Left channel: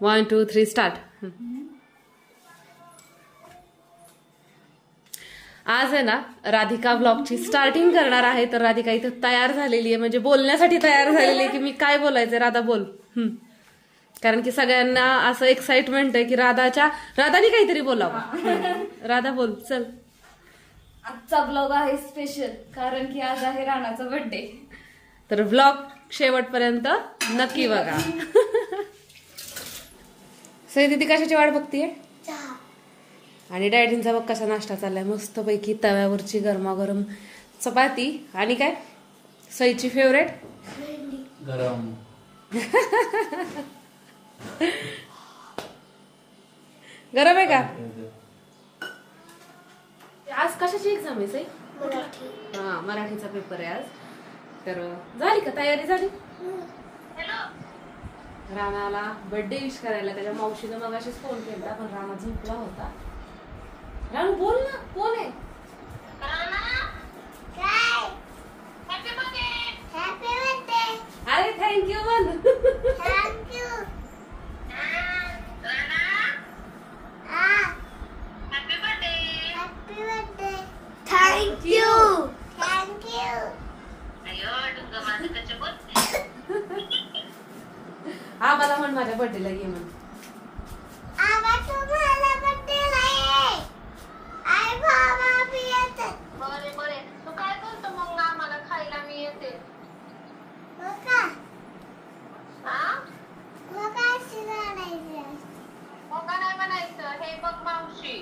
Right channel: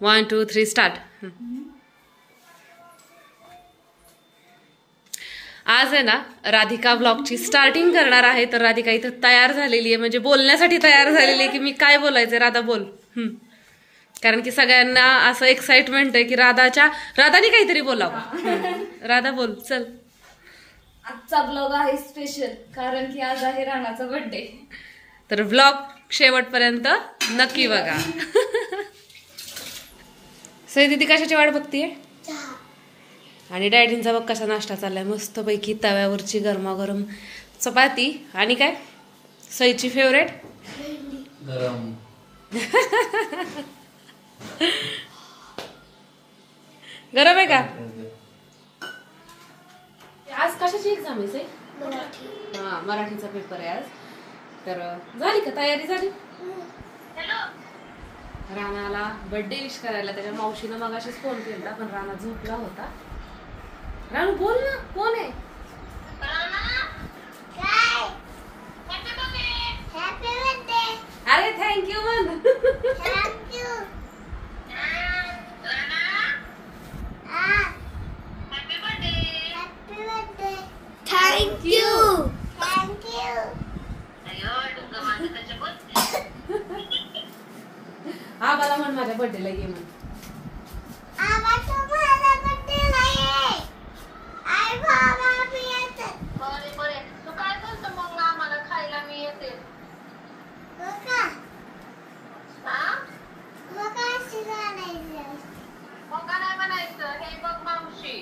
1 2 3 start. आज आहे ना राधिका ब्लॉगची स्टार्टिंग करणार आहे. तर राधिका इथं तयार झालेली आहे, म्हणजे बोलण्यासाठी तयार झालेली आहे की मी काय बोलायचंय. राधा बोल. कारण की सगळ्यांना असं एक्साइटमेंट आहे की राधाने काहीतरी बोलावं. राधा बोल चल. आजचा ब्लॉग आहे स्पेशल कारण की आज आहे राणाचा बर्थडे. तर ब्लॉग शेवटपर्यंत नक्की बघा. सई दीदी कशाची वाट बघतीये? आणि डॅडींचा बघ कसा नाश्ता चाललाय, मस्तपैकी तव्यावरची गरमागरम चपाती आणि काय सईची फेवरेट गरम. गरम आहे का? आज कशाची एक्झाम आहे सई? हा, मराठीचा पेपर आहे आज. तर झाली का तयारी? झाली. राणाला बर्थडे विश करायला त्याच्या मावशीनं मगाशीच फोन केला, पण राणा झोपला होता. राणू बोल ना, कोण आहे? अरे थँक्यू म्हण. हा मला म्हण माझ्या बर्थडेला ये म्हणून. तू काय बोलतो मग आम्हाला खायला मी येते. नाही बनायचं. हे बघ मावशी,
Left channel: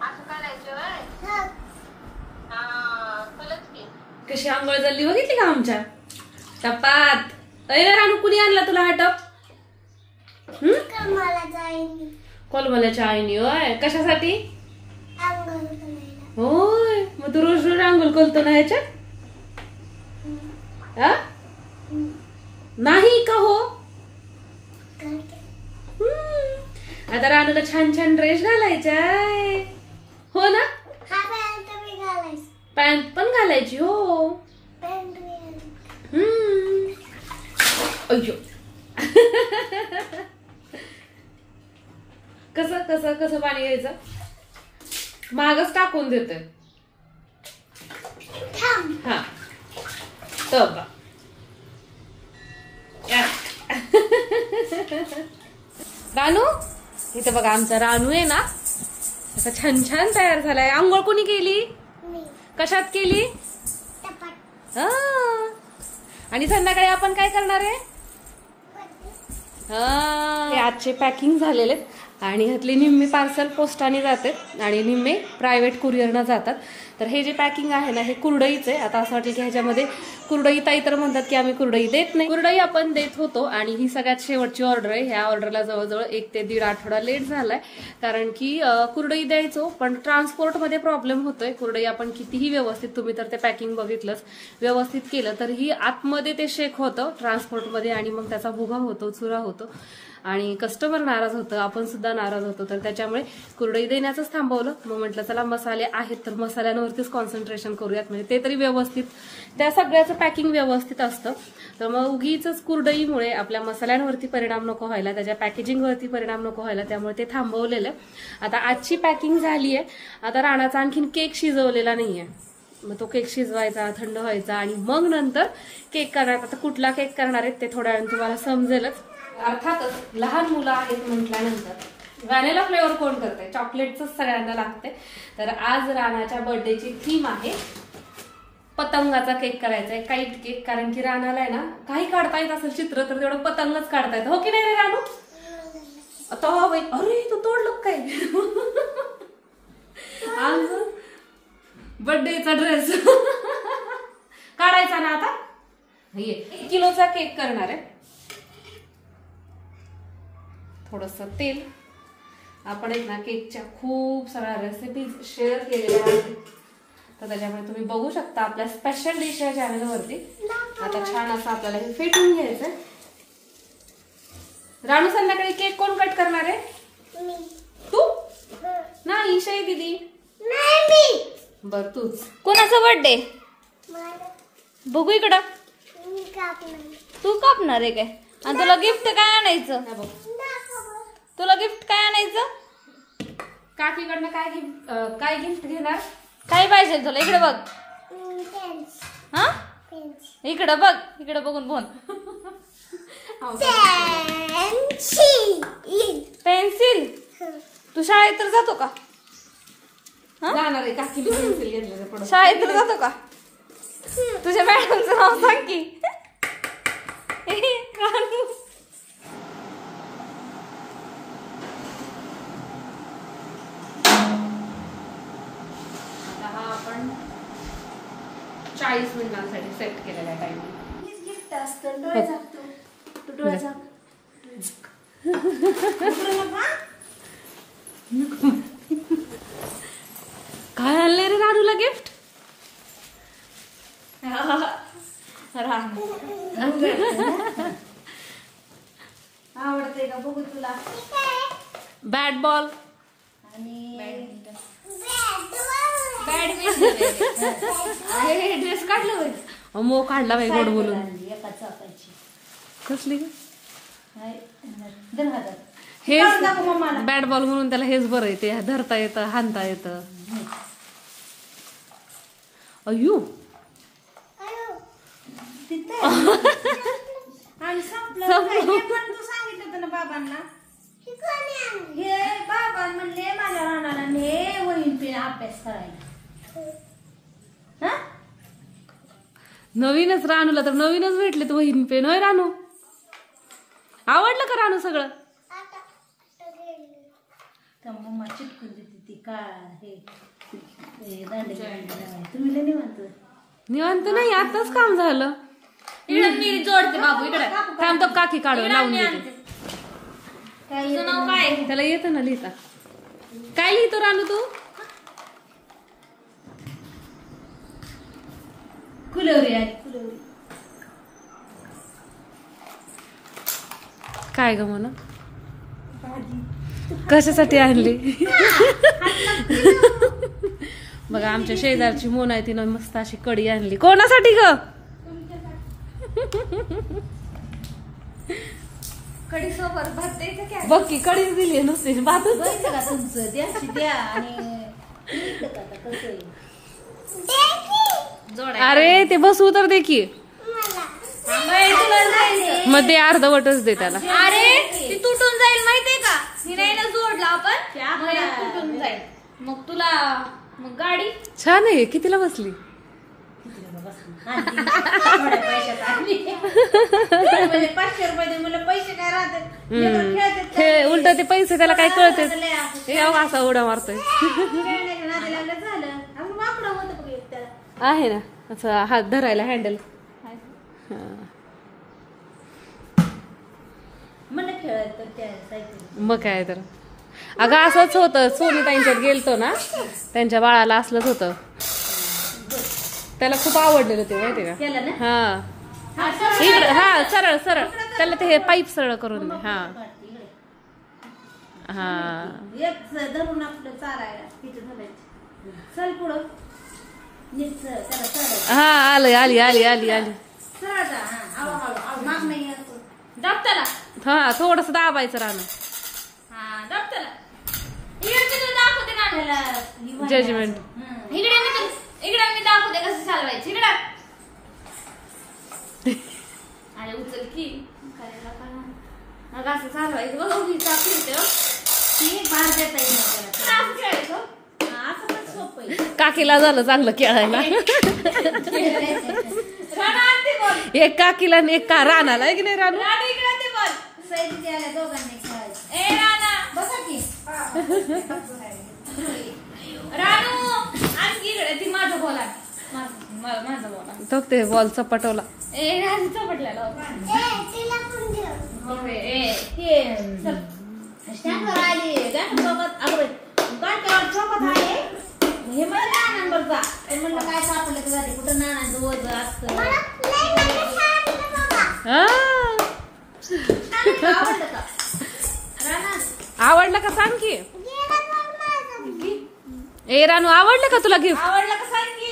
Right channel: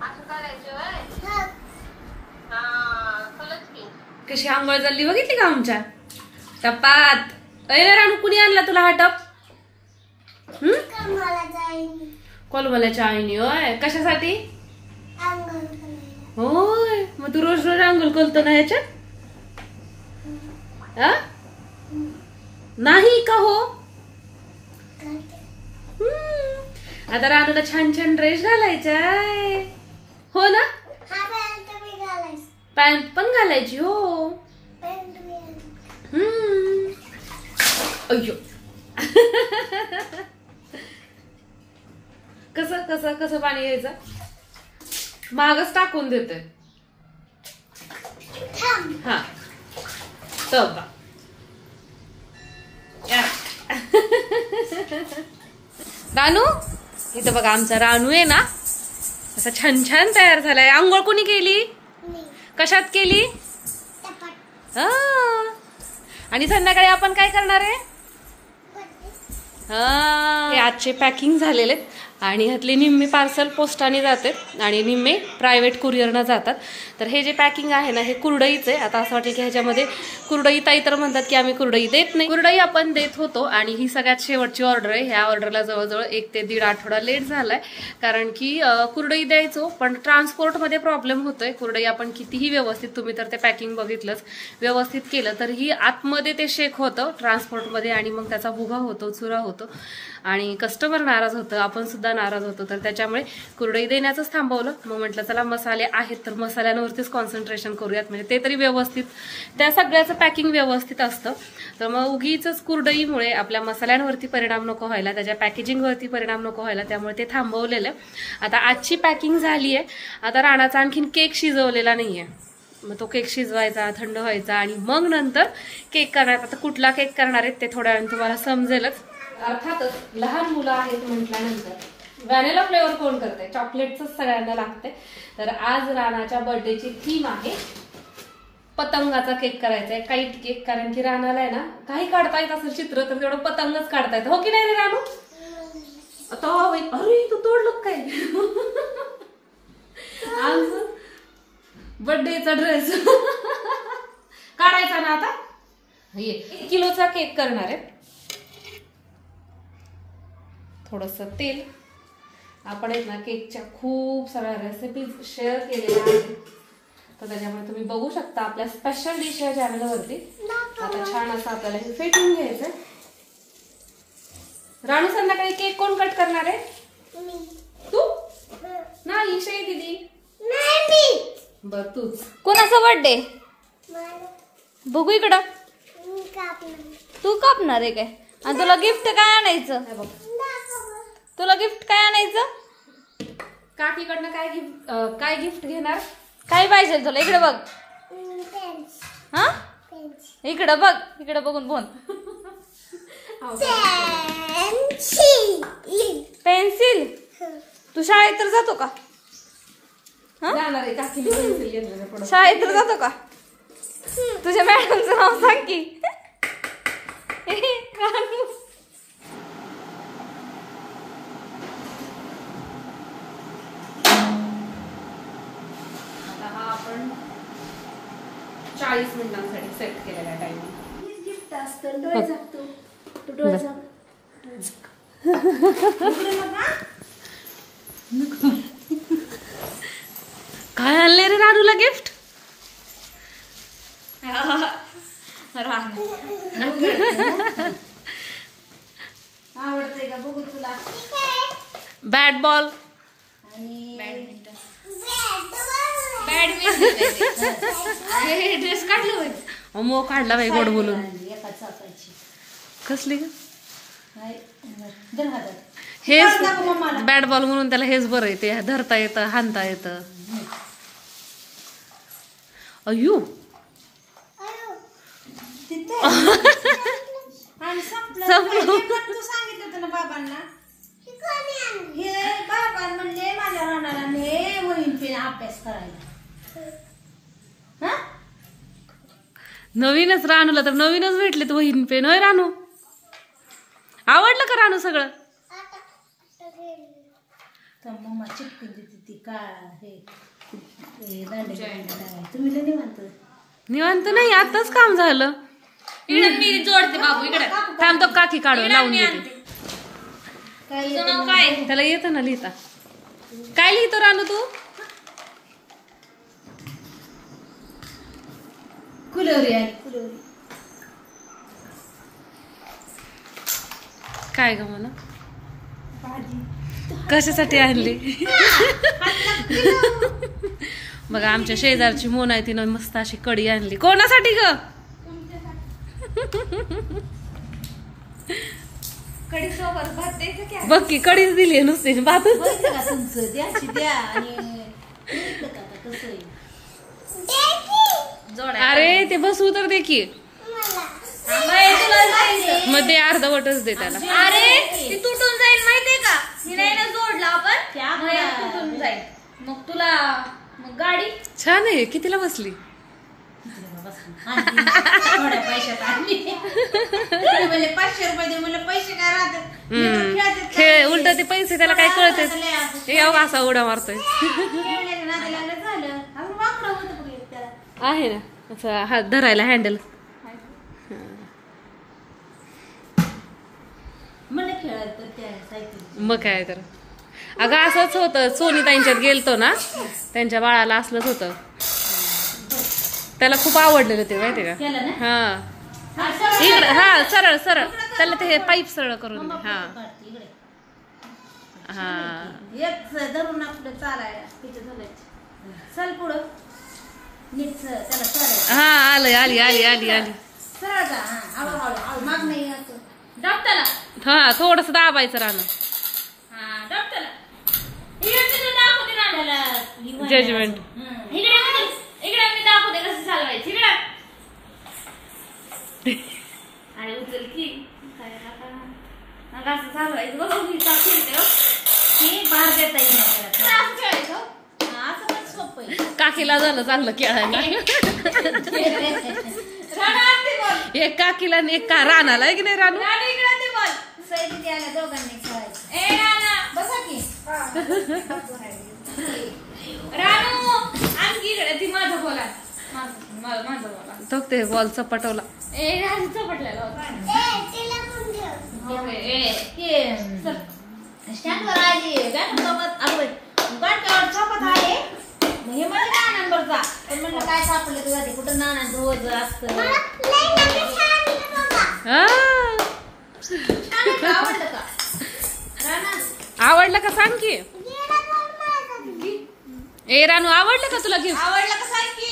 असं करायचं होय. हा कळलं की. कशी आंघोळ झाली बघितली का आमच्या टपात? अरे राणू कुणी आणला तुला हा टप? कोलमल्याच्या आईनी. होय, कशासाठी? होय, मग तू रोज रोज आंघोळ करतो ना ह्याच्यात? नाही का हो? आता राणूला छान छान ड्रेस घालायचाय हो ना? पॅन्ट पण घालायची हो. अय्यो. कसं कसं कसं पाणी यायचं? मागच टाकून देतोय. हा तर रानू इथं बघा, आमचा रानू आहे ना असं छान छान तयार झालाय. आंघोळ कोणी केली? कशात केली? आणि संध्याकाळी आपण काय करणार आहे? आजचे पॅकिंग झालेले आणि ह्यातले निम्मे पार्सल पोस्टाने जाते आणि निम्मे प्रायव्हेट कुरिअरनं जातात. तर हे जे पॅकिंग आहे ना हे कुरडईच आहे. आता असं वाटेल की ह्याच्यामध्ये कुरडई, ताई तर म्हणतात की आम्ही कुरडई देत नाही. कुरडई आपण देत होतो आणि ही सगळ्यात शेवटची ऑर्डर आहे. ह्या ऑर्डरला जवळजवळ 1 ते 1.5 आठवडा लेट झालाय, कारण की कुरडई द्यायचो पण ट्रान्सपोर्टमध्ये प्रॉब्लेम होतोय. कुरडई आपण कितीही व्यवस्थित, तुम्ही तर ते पॅकिंग बघितलंच, व्यवस्थित केलं तरीही आतमध्ये ते शेक होतं ट्रान्सपोर्टमध्ये आणि मग त्याचा भुगा होतो, चुरा होतो आणि कस्टमर नाराज होतं, आपण सुद्धा नाराज होतो. तर त्याच्यामुळे कुरडई देण्याचंच थांबवलं. मग म्हटलं चला मसाले आहेत तर मसाल्यांवरतीच कॉन्सन्ट्रेशन करूयात, म्हणजे ते तरी व्यवस्थित, त्या सगळ्याचं पॅकिंग व्यवस्थित असतं. तर मग उगीच कुरडईमुळे आपल्या मसाल्यांवरती परिणाम नको व्हायला, त्याच्या पॅकेजिंगवरती परिणाम नको व्हायला, त्यामुळे ते थांबवलेलं. आता आजची पॅकिंग झाली आहे. आता राणाचा आणखीन केक शिजवलेला नाहीये, मग तो केक शिजवायचा, थंड व्हायचा आणि मग नंतर केक करायचा. आता कुठला केक करणार आहेत ते थोड्या वेळाने तुम्हाला समजेलच. अर्थातच लहान मुलं आहेत म्हटल्यानंतर व्हॅनिला फ्लेवर कोण करते? चॉकलेटच सगळ्यांना लागते. तर आज राणाच्या बर्थडेची थीम आहे पतंगाचा केक करायचा आहे, काईट केक. कारण की राणाला आहे ना काही काढता येत असेल चित्र तर तेवढं पतंगच काढता येतं, हो की नाही रे राणू? आता अरे तू तोडलं काय? आज बर्थडेचा ड्रेस काढायचा ना. आता 1 किलोचा केक करणार आहे. थोडस तेल. आपण एक ना केकच्या खूप साऱ्या रेसिपीज शेअर केलेल्या आहेत, तर त्याच्यामुळे तुम्ही बघू शकता आपल्या स्पेशल डिश या चॅनलवरती. आता छान असं आपल्याला हे फेटून घ्यायचं. राणू संध्याकाळी केक कोण कट करणार आहे? तू? नाही शे दीदी. बर तूच. कोणाचा बर्थडे? बघू इकडं. तू कापणार आहे काय? आणि तुला गिफ्ट काय आणायचं? तुला गिफ्ट काय आणायचं? काकीकडनं काय गिफ्ट घेणार? काय पाहिजे तुला? इकडे बघ. हा इकडं बघ. इकडं बघून बोल. पेन्सिल. तू शाळेत तर जातो का? जाणार आहे काकी पेन्सिल घेतलं. शाळेत तर जातो का? तुझ्या मॅडमचं नाव सांग की. आता हा आपण 40 मिनिटांसाठी सेट केलेला आहे टाइमिंग. गिफ्ट असतं. डोळे झाकतो. तू डोळे झाक. काय आणले रे रानूला गिफ्ट? आवडतंय का बघू तुला? Bat ball. ड्रेस काढलं होय. मो काढला बाई गोड बोलून. एका चाकाची. कसली ग? दर हजार. हेच बॅट बॉल म्हणून त्याला हेच बरं येते. धरता येतं, हाणता येतं. अय्यू आणि संपलं. तू सांगितलं होतं ना बाबांना. हे बाबा म्हणले माझ्या राहणारा हे होईल ते अभ्यास करायला. नवीनच रानूला तर नवीनच भेटले तर वहीन पेन. होय रानू? आवडलं का रानू सगळं? तर मम्मा चिपकून देते ती काळा हे दांडे. तुम्ही लय निवांत. निवांत नाही, आताच काम झालं. मी जोडते बाबू इकडे. थांब तो काकी काढू लावून देते. काय त्याला येतं ना लिहिता. काय लिहितो रानू तू? कुलवरी आहे कुलवरी. काय ग म्हणा? कशासाठी आणली? बघा आमच्या शेजारची मोना आहे, तिनं मस्त अशी कडी आणली. कोणासाठी ग? कडी सोबत भात द्यायचं क्या? बघ की कडीच दिली नुसती भातच. बघितलं का तुमचं? द्याची द्या आणि अरे ते बसवू तर दे की. मग ते अर्धवटच दे त्याला. अरे ती तुटून जाईल माहितीये का? हिराईनं जोडला आपण मग हे तुटून जाईल. मग तुला मग गाडी छान आहे. कितीला बसली? थोड्या पैशात आणली. म्हणजे 500 रुपये दे. मला पैसे काय राहतात? हे उलट ते पैसे त्याला काय कळतेच. हे असा उड्या मारतोय. आहे ना असं हात धरायला हँडल. मला खेळायचं त्या सायकल. मग काय तर. अगं असंच होतं. सोनीताईंच्यात गेलतो ना, त्यांच्या बाळाला असलंच होतं. त्याला खूप आवडलेलं ते माहिती का? हा इकडे. हा सरळ सरळ त्याला ते हे पाईप सरळ करून दे. हा हा धरून आपलं चालायला तिथे चल पुढं नीट त्याला चालायचं. हा आली आली आली आली आली. सरळ जा. हळूहळू माग नाही डॉक्टरला. हा थोडस दाबायचं राहणं. हा डॉक्टरला इकडे दाखवते ना जजमेंट. इकडे मी दाखवते कसं चालवायचं. इकडे आणि उचल की काय असं चालवायचं. बघ मी दाखवते की बाहेर देता येईल. असं पण सोपं आहे. काकीला झालं चांगलं खेळायला. एक काकीला आणि एक का रानाला आहे की नाही रानू? दोघांनी बसा की रानू आणखी इकडे ती माझं बोला. माझं बोला तो ते बॉलचा पटवला. चपटलेला स्टँडवर आली बँकेसोबत बँकेवर छापत आहे. हे मला काय नंबरचा म्हणलं काय सापडलं तर झाले कुठं नानांचं रोज असतं. आवडलं का राणा? आवडलं का सांग की. ए रानू आवडलं का तुला गिफ्ट? आवडलं का सांग की.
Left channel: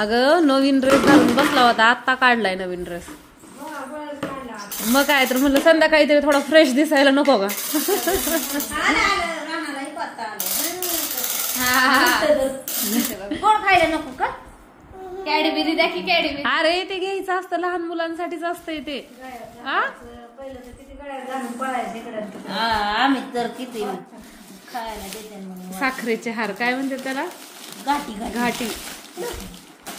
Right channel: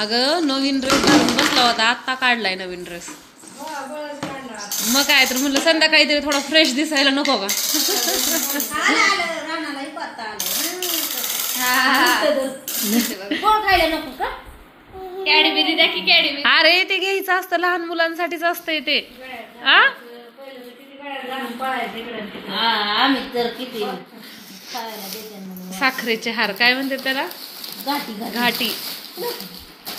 अगं नवीन ड्रेस घालून बसला होता, आत्ता काढलाय नवीन ड्रेस. मग काय तर म्हणलं संध्याकाळी तरी थोडा फ्रेश दिसायला नको का. कोण खायला नको का? कॅडबेरी द्या की कॅडबेरी. अरे ते घ्यायचं असतं, लहान मुलांसाठीच असतंय ते. आम्ही तर किती खायला देते म्हणून. साखरेचे हार काय म्हणते त्याला, घाटी घाटी.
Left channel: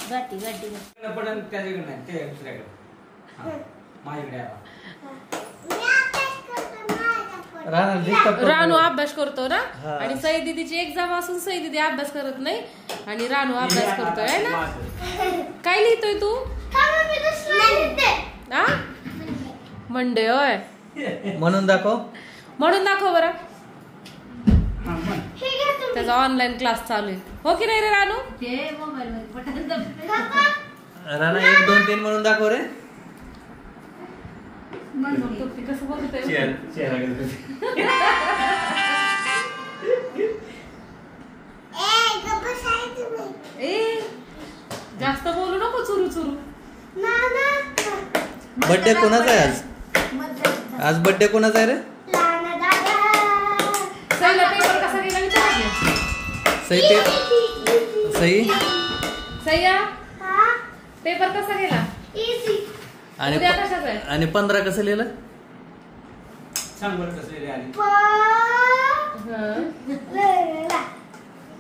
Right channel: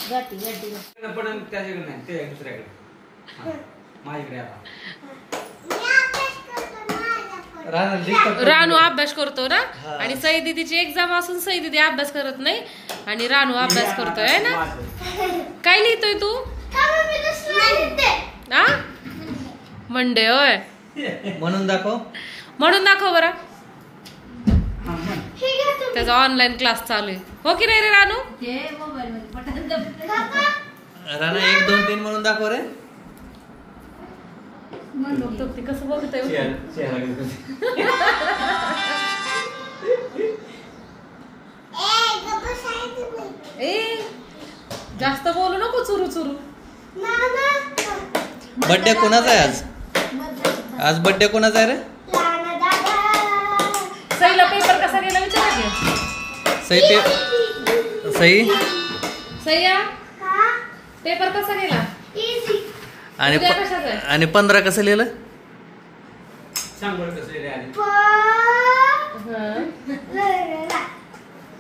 घाटी घाटी पण त्याच्याकडे नाही, ते दुसऱ्याकडे. माझ्याकडे आता रानू अभ्यास करतो ना, आणि सई दीदीची एक्झाम असून सई दीदी अभ्यास करत नाही आणि रानू अभ्यास करतोय है ना. काय लिहितोय तू? मंडे होय. म्हणून दाखव, म्हणून दाखव बरं. त्याचा ऑनलाईन क्लास चालू आहे हो की नाही रे रानू? राणा 1 2 3 म्हणून दाखव रे. कसं बोलतोय जास्त बोलू नको चुरू चुरू. बर्थडे कोणाचा आहे आज? आज बर्थडे कोणाचा आहे रे? सईला पेपर कसा गेला विचार की. सई सईया पेपर कसा गेला आणि 15 कसं लिहिलं सांग बरं. कसं लिहिलं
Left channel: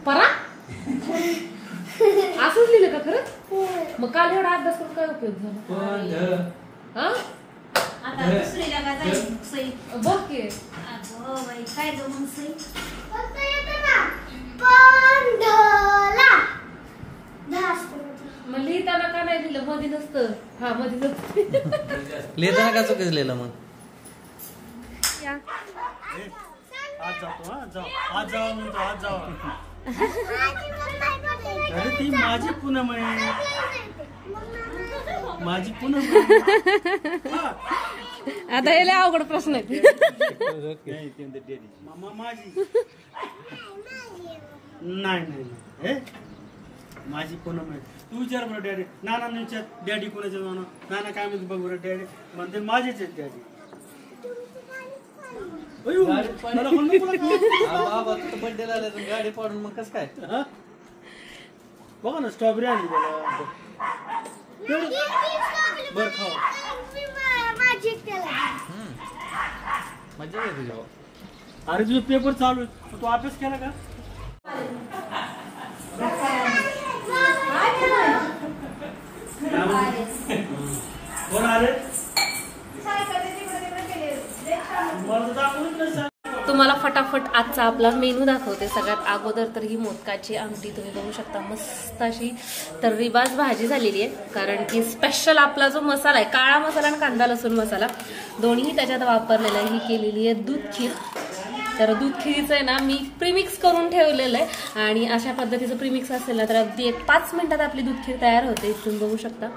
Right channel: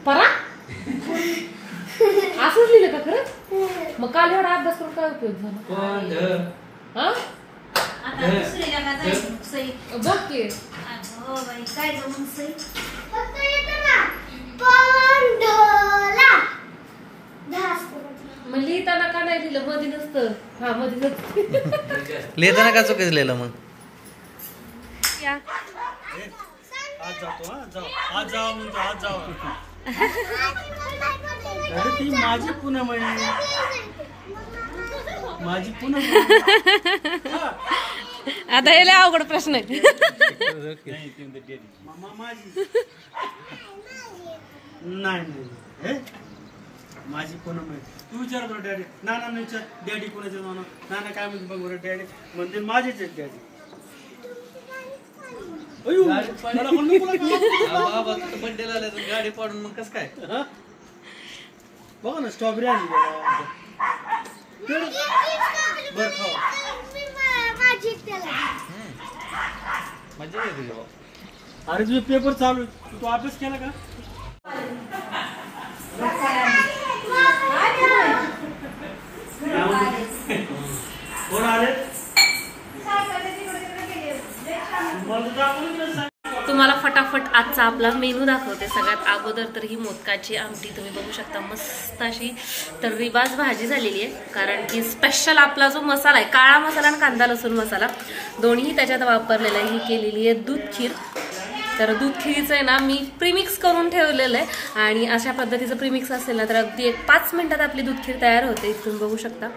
परा असंच लिहिलं का खरं? मग काल एवढा अभ्यास करून काय उपयोग झाला? आता दुसरीला का जायचं सई? बघ की हो बाई काय मग सई. मग लिहिताना का नाही लिहिलं? मध्ये नसतं. हा मध्ये नसतं. लिहिताना का चुकीचं लिहिलं मग? आज जातो आज जाऊ म्हणतो आज जाऊ. अरे ती माझी पूनम आहे, माझी पूनम. आता हे लय अवघड प्रश्न आहे. मामा माझी नाही नाही माझी पूनम आहे. तू विचार बरं डॅडी. नाना विचार डॅडी कुणाचे. नाना काय म्हणते बघ बरं. डॅडी म्हणते माझेच आहेत डॅडी. बर्थडे ला गाडी पाडून मग कसं काय? बघा ना स्ट्रॉबेरी आली बर खाऊ. मजा येते. अरे तुझे पेपर चालू आहे, तू अभ्यास केला का? कोण आले? तुम्हाला फटाफट आजचा आपला मेनू दाखवते. सगळ्यात अगोदर तर ही मोदकाची आमटी तुम्ही बघू शकता. मस्त अशी तर्रीबाज भाजी झालेली आहे, कारण की स्पेशल आपला जो मसाला आहे, काळा मसाला आणि कांदा लसूण मसाला दोन्ही त्याच्यात वापरलेला आहे. ही केलेली आहे दूध खीर. तर दूध खीरीचं आहे ना मी प्रीमिक्स करून ठेवलेलं आहे, आणि अशा पद्धतीचं प्रीमिक्स असेल ना तर अगदी 1-5 मिनिटात आपली दूध खीर तयार होते. तुम्ही बघू शकता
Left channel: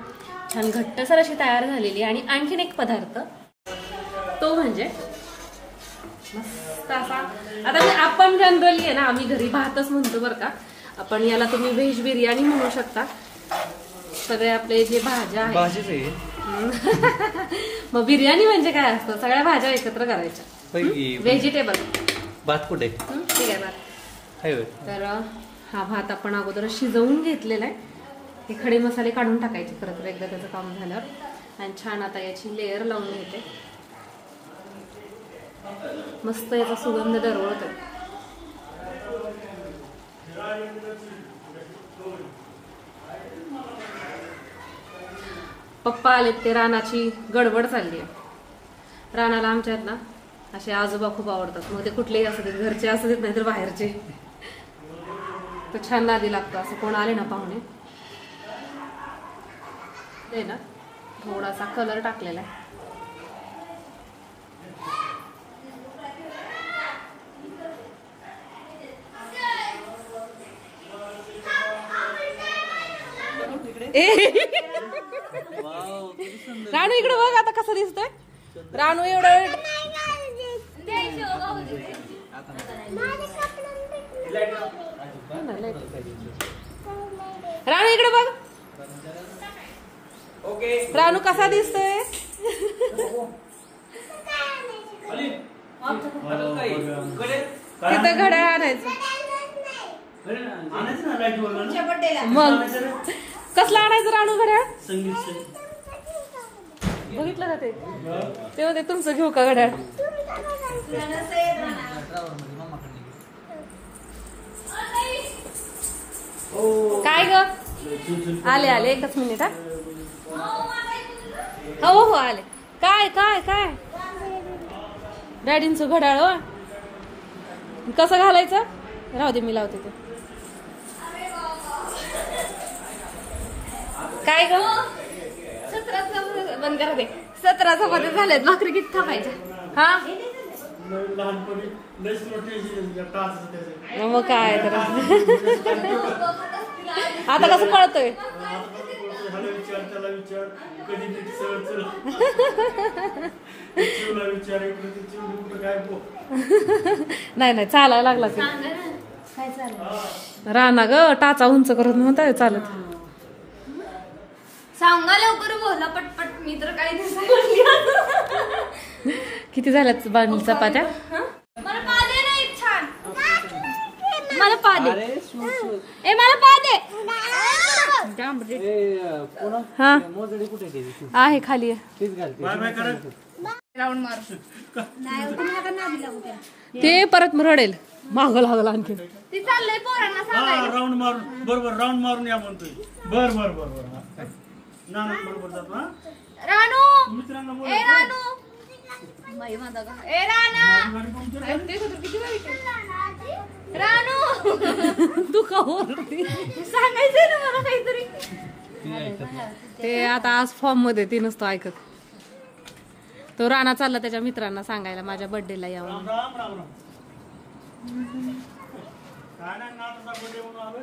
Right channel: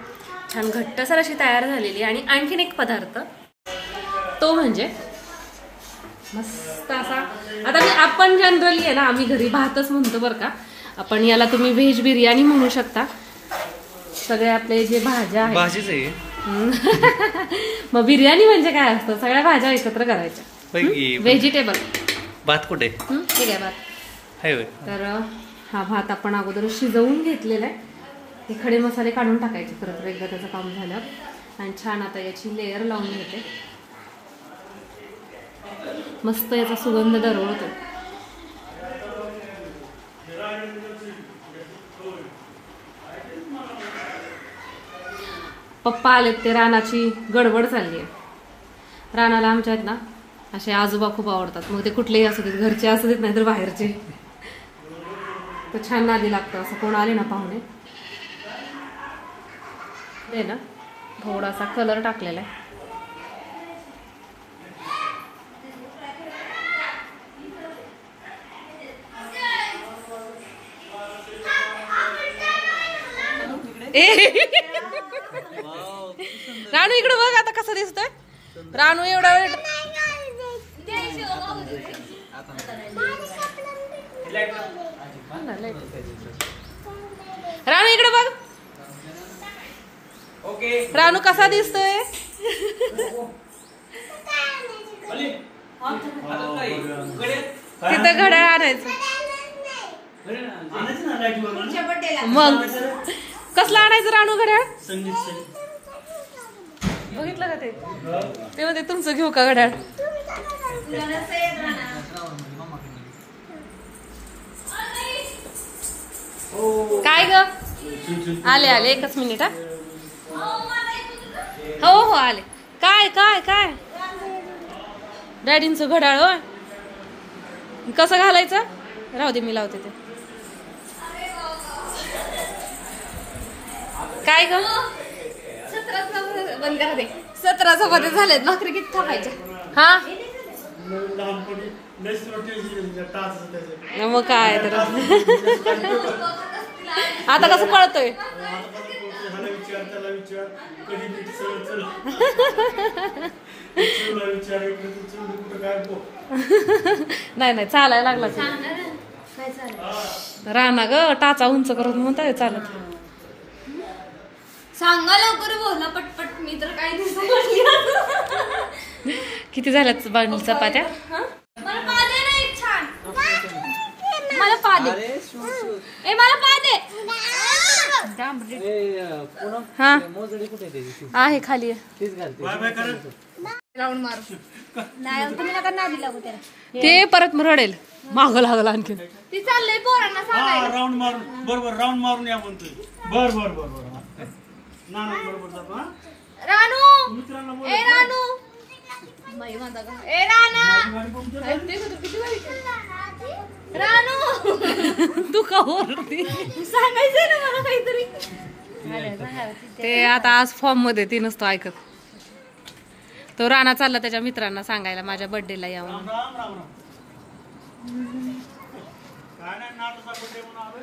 छान घट्टसर अशी तयार झालेली आहे. आणि आणखीन एक पदार्थ तो म्हणजे मस्त असा, आता आपण जनरली आहे ना आम्ही घरी भातच म्हणतो बरं का, आपण याला तुम्ही व्हेज बिर्याणी म्हणू शकता. सगळे आपले जे भाज्या आहेत भाजीच आहे. मग बिर्याणी म्हणजे काय असतं? सगळ्या भाज्या एकत्र करायच्या. व्हेजिटेबल भात कुठे? ठीक आहे भात. तर हा भात आपण अगोदर शिजवून घेतलेला आहे. हे खडे मसाले काढून टाकायचे परत एकदा त्याचं काम झालं. आणि छान आता याची लेअर लावून घेते. मस्त याचा सुगंध दरवळतो. पप्पा आलेत, ते रानाची गडबड चालली आहे. रानाला आमच्यात ना असे आजोबा खूप आवडतात. मग ते कुठलेही असू देत, घरचे असू देत नाही तर बाहेरचे. तो छान नादी लागतो. असं कोण आले ना पाहुणे ते ना थोडासा कलर टाकलेला आहे. रानू इकडे बघ आता कसं दिसतोय. रानू एवढा वेळ रानू इकडे बघ. ओके रानू कसा दिसतोय? खाली. हातात काय? कडे. तिथं घड्याळ आणायचं. आणायचं ना लाईट वर तुमच्या बर्थडेला मग कसलं आणायचं रानू घड्याळ? संगीत बघितलं का ते? ते म्हणते तुमचं घेऊ का घड्याळ? काय ग? आले आले, एकच मिनिट हा. हो हो आले. काय काय काय? डॅडींचं घड्याळ हो. कसं घालायचं? राहू दे, मी लावते ते. काय ग? 17 बंद करा दे. 17 चपात्या झाल्यात, भाकरी किती थापायच्या? हा लहानपणी लस टाच त्याचे मग काय तर आता कसं पळतोय? ह्याला विचार त्याला विचार कधी नीट सरळ चल चिवला विचार इकडे चिवली कुठं काय बो नाही नाही, चालायला लागला की काय चाललं? राणा ग टाचा उंच करत म्हणताय चालत. सांगा लवकर, बोला पटपट. मी तर काय नाही समजली. किती झाल्यात बांधली चपात्या? मला पादे नाही छान. मला पादे. ए मला पादे. हा मोजडी कुठे त्याची? आहे खाली आहे. तीच घालते. बाय बाय करत राऊंड मारू. नाही तुम्ही आता नादी लागू त्याला. ते परत रडेल, माग लागला आणखी. ती चाललंय पोरांना सांगायला. हा राऊंड मारून बरोबर राऊंड मारून या म्हणतोय. बर बर बर बर ना बरोबर जातो. हा रानू मित्रांना बोल. ए रानू बाई म्हणता का? ए राणा ते सुद्धा किती बारीक आहे. रानू तू का ओरडती? सांगायचंय ना मला काहीतरी. ते आता आज फॉर्म मध्ये ती नसतो ऐकत. तो राणा चालला त्याच्या मित्रांना सांगायला माझ्या बर्थडेला या म्हणून. राम राम राम काय नाही नाटक बर्थडे म्हणून आलो.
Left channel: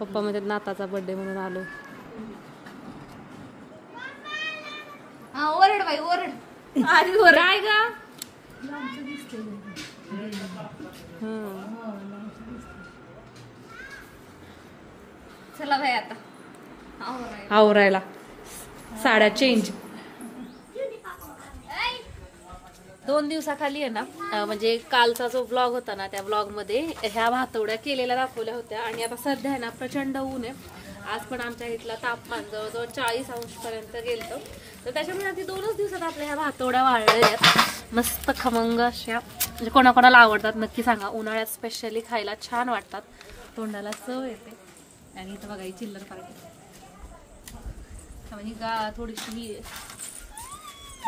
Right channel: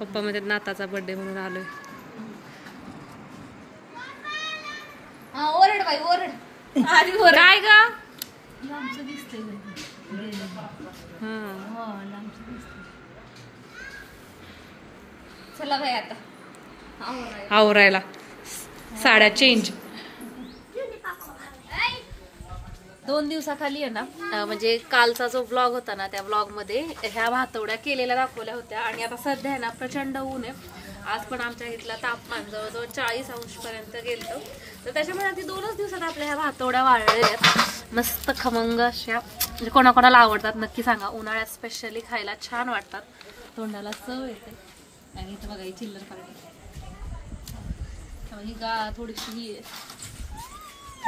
पप्पा मध्ये नाताचा बर्थडे म्हणून आलोय. हा ओरड बाई ओरड. आधी ओरड. काय ग? चला बाई आता आवरायला साड्या चेंज. 2 दिवसाखाली आहे ना, म्हणजे कालचा जो ब्लॉग होता ना, त्या ब्लॉग मध्ये ह्या भातवड्या केलेल्या दाखवल्या होत्या. आणि आता सध्या आहे ना प्रचंड ऊन आहे. आज पण आमच्या इथलं तापमान जवळजवळ 40 अंश पर्यंत गेलं. तर त्याच्यामुळे अगदी 2च दिवसात आपल्या ह्या भातवड्या वाळलेल्या आहेत. मस्त खमंग अशा, म्हणजे कोणाकोणाला आवडतात नक्की सांगा. उन्हाळ्यात स्पेशली खायला छान वाटतात, तोंडाला चव येते. आणि इथं बघा ही चिल्लर पार्टी, ही थोडीशी ही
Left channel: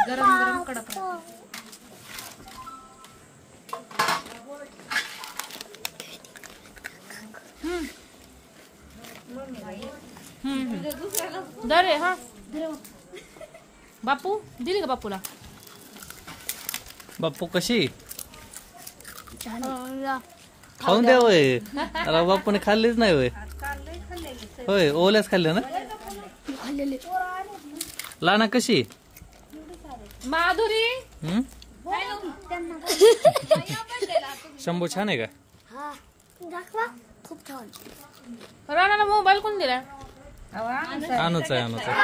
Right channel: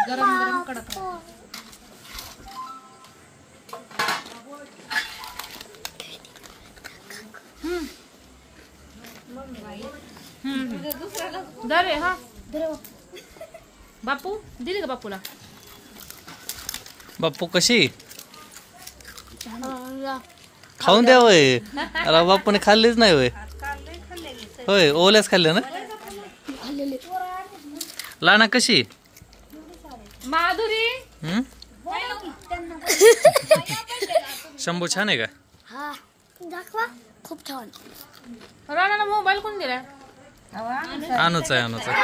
गरम गरम कडक राहते. दरे हा बापू दिली का बापूला? बाप्पू कशी खाऊन द्या वय. अरे बापूने खाल्लीच नाही वय. होय ओल्याच खाल्ले ना. लाना कशी? माधुरी शंभू छान आहे का? खूप छान. राणाला मोबाईल कोण दिला? आणूच आहे आणूच आहे.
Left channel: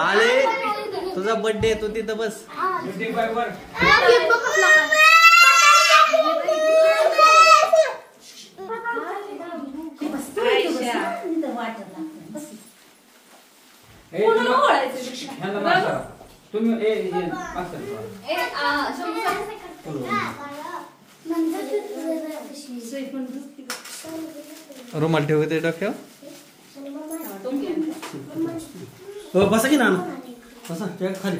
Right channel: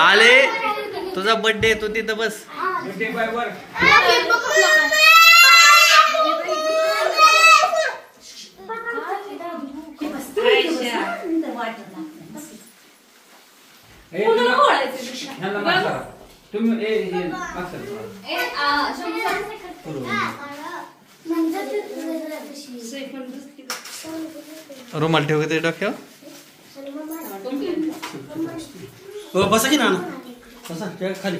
आले तुझा बर्थडे तू तिथं बस. रुमाल ठेव ते डोक्यावर. हो बसा की नाना बसा खाली.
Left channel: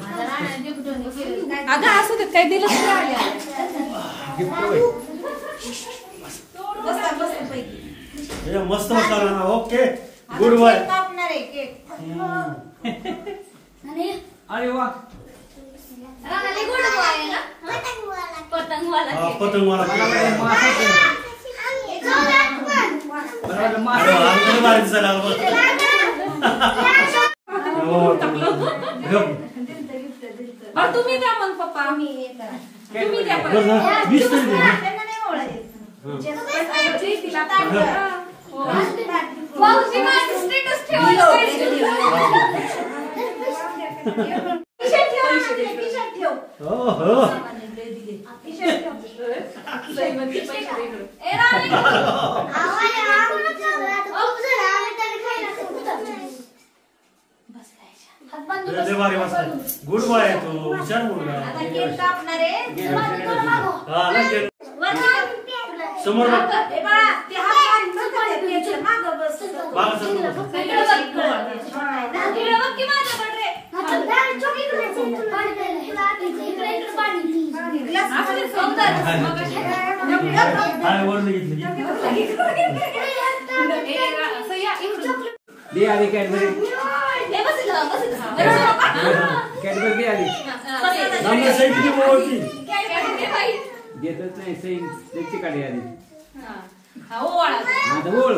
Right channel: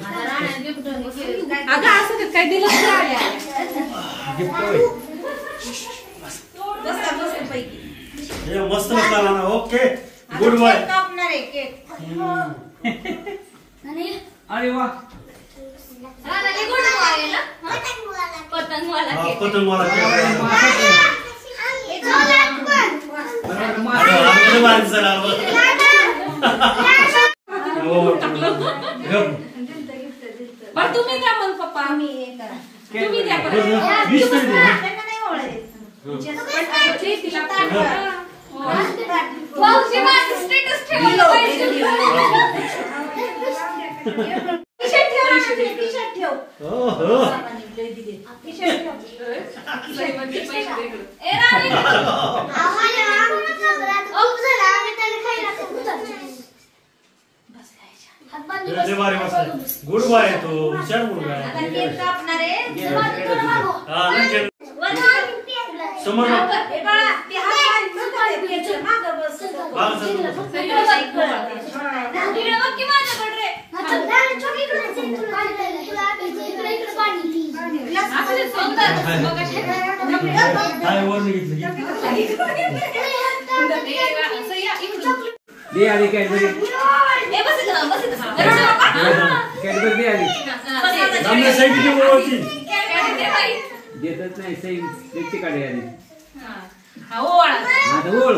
अगं असं ते काय दिलं मस्त मस्त ना. Okay good boy. कापणार आहे केक. आणि अरे वा रानाली गोड आहे ना पतंगवाला केक. पतंगवाला बरं तुम्ही द्या मग पप्पा, तुम्ही द्या परत. तिला भाऊजी माझं स्टेटस ठेवायला पाहिजे. टी-शर्ट ठेव. ए राणी गुड बाय तू हुशार मुलगा आता केक कापणार आहे. समोर ए बा ते हात मारून नका मागं बस. इकडे बघ की माझ्याकडे रे. असं सौंदर्य काय वर घेतलं दे आली कॅडबरी ए बस इथं बस इथं. कॅडबरी दे आली आम्ही सैनिकी बोलती देतच नाही सही त्याची काढी आली हा ओवाळा. आता ओळ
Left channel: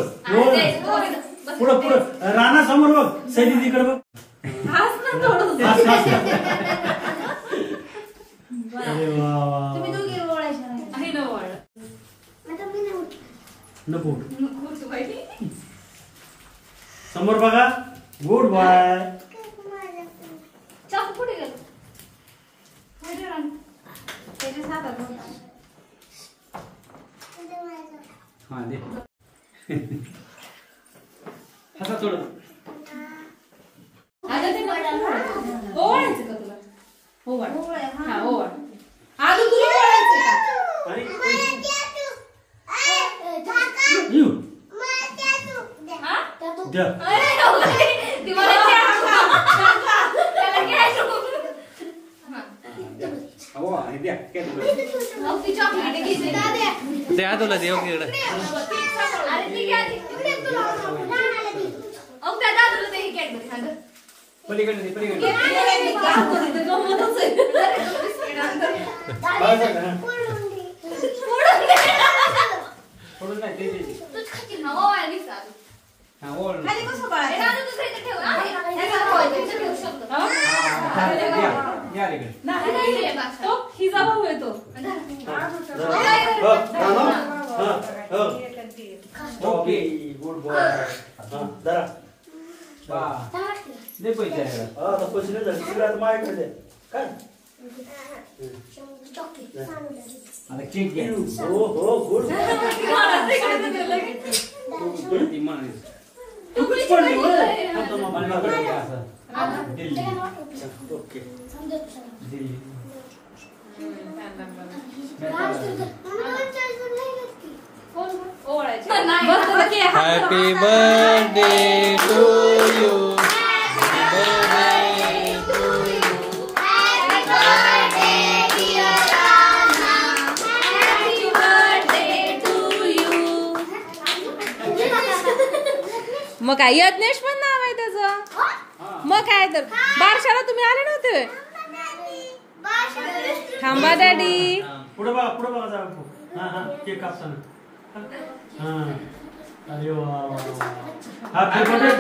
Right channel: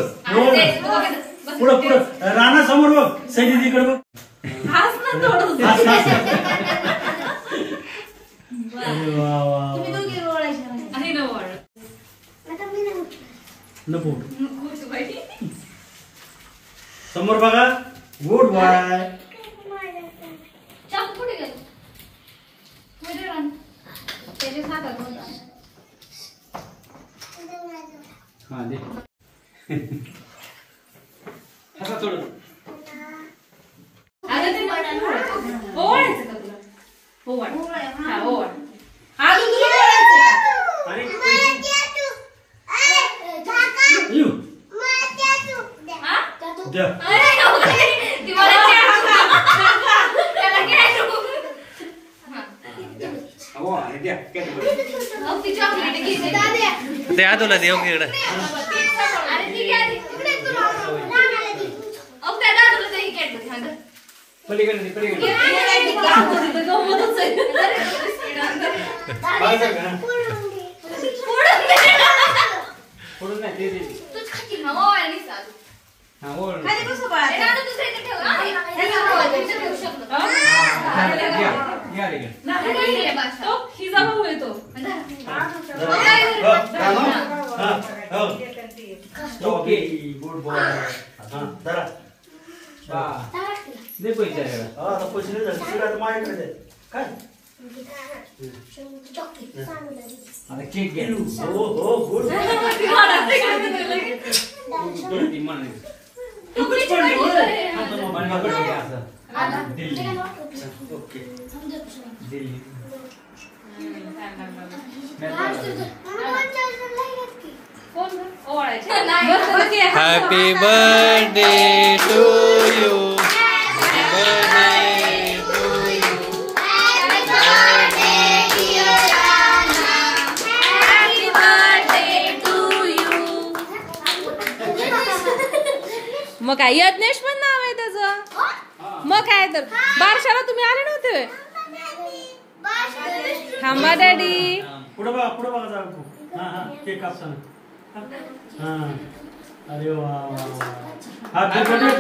पुढं पुढं राणा समोर बघ सैनिक इकडे बघ हाच ना थोडं. अरे वा वा तुम्ही दोघे ओळायचे आहे ना ओवाळा. नको समोर बघा गुड बाय चाकू कुठे गेलो कुठे रान त्याचे हातात होता. हा दे हसा थोडं आता ते ओवाळायचं का तुला? ओवाळ. हा ओवाळ. हा तू तुला ओळायचं का? आणि हा? द्या अरे हो गई. ती मला त्याला घ्यायचं. हो हे द्या कॅडबरी मग ती चॉकलेट घेतली दादा. द्या तुला देऊ की इकडे. अरे ती घ्या ती. अब त्या दादाला ते घ्यायचं सांग. पलीकडे दे पलीकडे सोडून नाही दे तूच खाशील ना ओवाळली का? हा ओळ खाली बसू बाळा. ए दादा दुसऱ्या इथे ठेव ना. ह्याला ओवाळायचं ठेवू शकतो. या इकडे नाही रे बाळा. तो हिजा भाऊ येतो. ओके गुड बॉय जरा बा दे पैसे आहे आता पैसे नाही झाले तिला माझ्याकडे दे. काय आता केक घ्या हो हो गुड ती म्हणाली तुकडीच पडली होय. मनमाकडे घ्या असं दिल्ली ओके दिल्ली ओवाळायचं. नाही. Happy birthday to you. Birthday to you. Happy birthday to you. मग काय यज्ञेश पण नाव आहे त्याचं. मग काय तर बारशाला तुम्ही आले नव्हते व्हय? थांबा डॅडी. पुढे बघा जा हा हा केक कापताना हा अरे वा वा हॅपी बर्थडे